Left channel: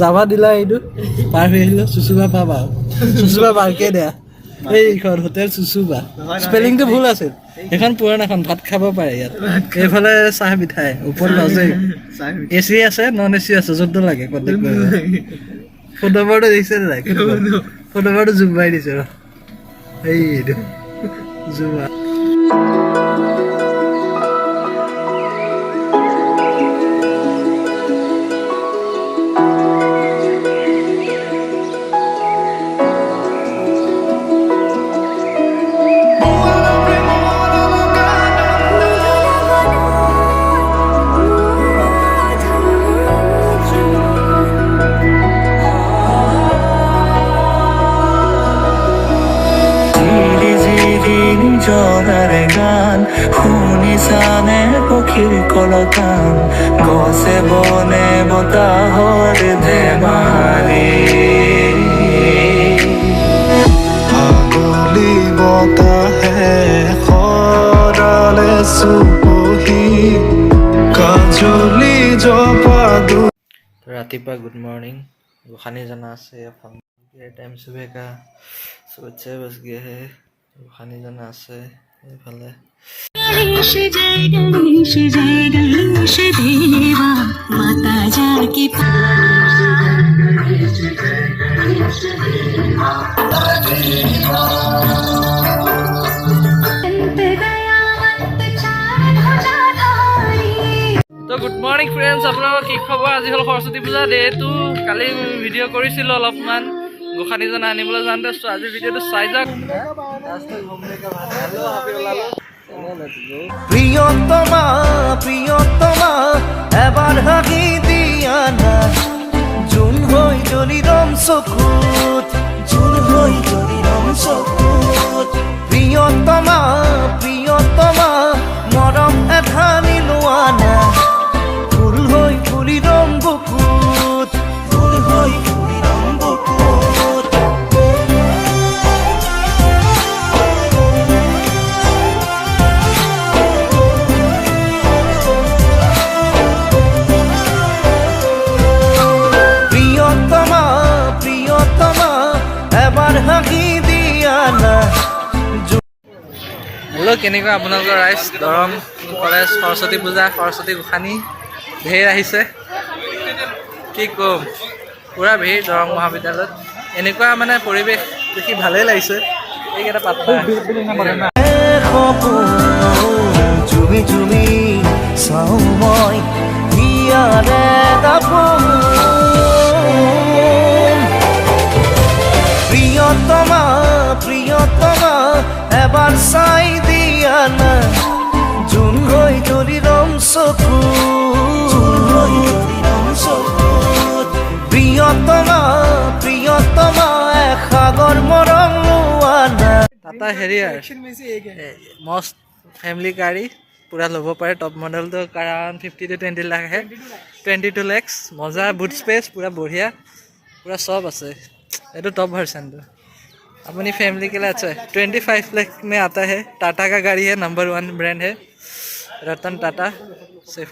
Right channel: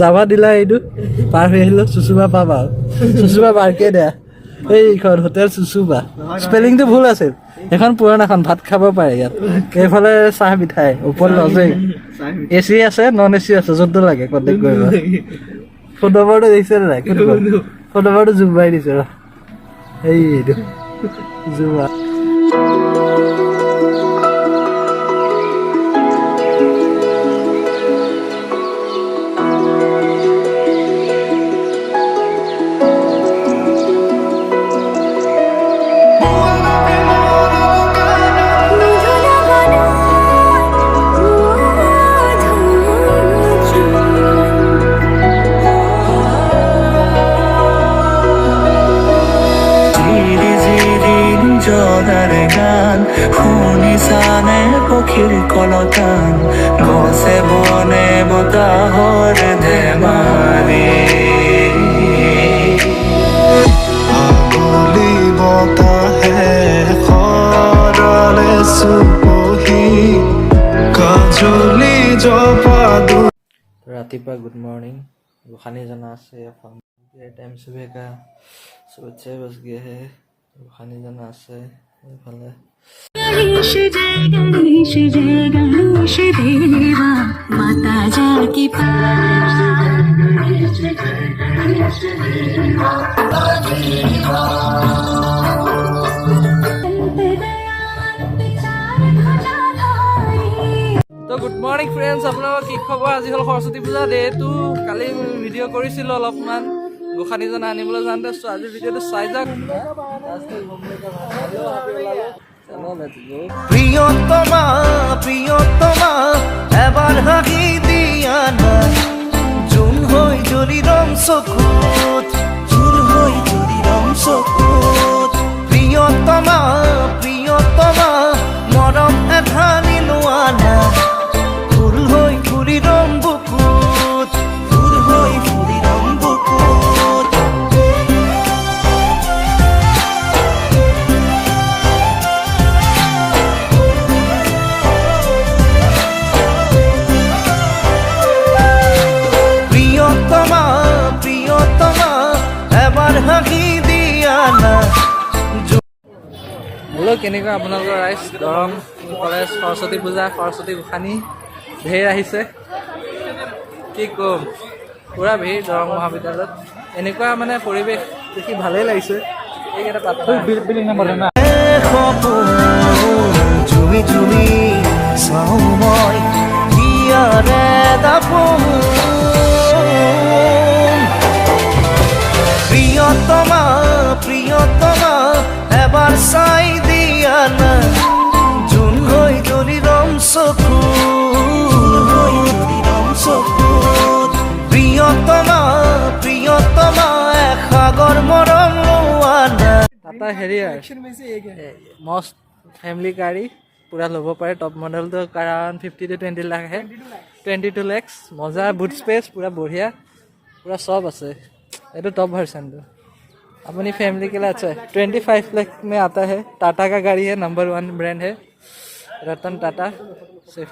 যাবা দিলা এইটো পাৰ হৈ আহিলোঁ চুচুবা পাবা চুচুবা পাৰ্কে দিয়া এইখন হোটেল চুচুবা স্পেলিংটো ভুল আছিল এখন পুৰণাখন ভাত খাব পাৰে ইয়াত এইফালে চাহ মিঠাই ওপৰত লজে AC আছে নন AC আছে যোনটো লাগে কণ্টেক্ট কৰিবা ফোন নম্বৰটো দিছে নাই ফোন নম্বৰটো জুম মাৰি দিছে এইটো জুমা জনাৰ গান শুনিছানে পক্ষীৰ কলতান গছে বনে বতাহৰ ধেমালি আগলি বতাহে সৰালে চুপহি কাজলি জপাদু ৰাতিপুৱা গুড মৰ্নিং গোসানী জনা আছে টাইম सुबह का 6 बज गए हैं গোসানী জনা আছে এইফালে माता जाकी তো গুড মৰ্নিং ফ্ৰেণ্ডছ আপোনালোকৰ কি খবৰ আজি হ'ল সৰস্বতী পূজা ডেটো কালি ভিডিঅ' কৰিছিলোঁ অলপমান গোসানী জনা আনিবলৈ যাওঁতে আজি ভিডিঅ'টো চাই যাওক প্ৰিয়তমা প্ৰিয়তমা এবাৰ হাঁহি দিয়া না জোন হৈ জ্বলিৰম চকুত প্ৰিয়তমা প্ৰিয়তমা মৰম এধানি লোৱা না ফুল হৈ ফুলিৰম বুকুত এবাৰ হাঁহি দিয়া না হেল্ল' কেনেকুৱা আপোনালোকৰ ৰাইজ দৰং কলেজ সৰস্বতী পূজা সৰস্বতী গোসানী ঢেৰ আহিছে কি ক'ম পূৰা ভিৰ দৰং মহাবিদ্যালয়ত এনেকুৱা মানে পৰিৱেশ দেখি ভালেই লাগিছে এইকেইটা পাত্তা জুমি জুমি চাওঁ মই হিয়াৰে দাপোন প্ৰিয়তমা প্ৰিয়তমা এবাৰ চাই দিয়া না জোন হৈ জ্বলিৰম চকুত প্ৰিয়তমা প্ৰিয়তমা এসাগৰ মৰম লোৱা না টাটা হেৰিয়াৰ মস্ত ফেমিলি গাড়ী পূৰা ল'ব পাৰে টপ মডেলটো কাৰণ 50 to 20 লাখ আহে 22 lakhs মজা বুট স্পেচ পূৰা বঢ়িয়া পূৰা চব আছে ये तो टॉप वर्जन तो अपनी फैमिली के लिए अच्छा है 25 लाख में आता है टाटा का गाड़ी है नंबर 1 ब्रांड है रतन टाटा सिर्फ